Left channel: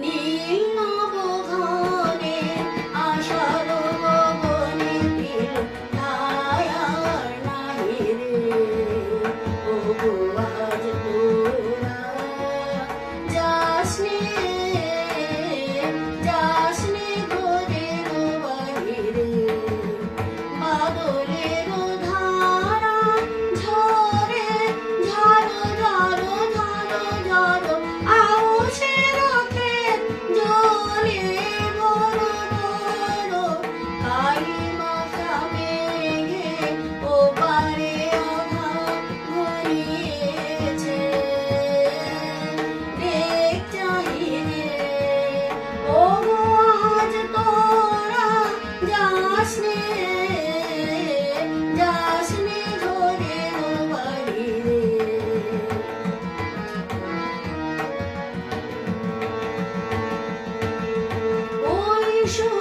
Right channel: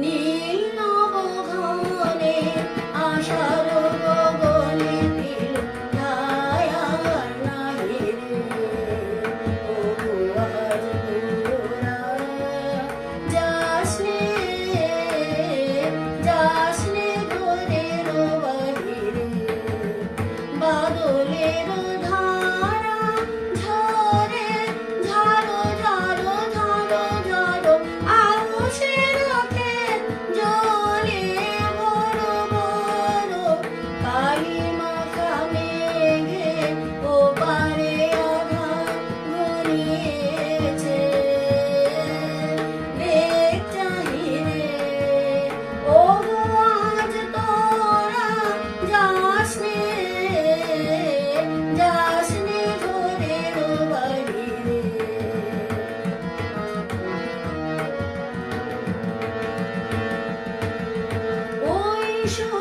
你来。说。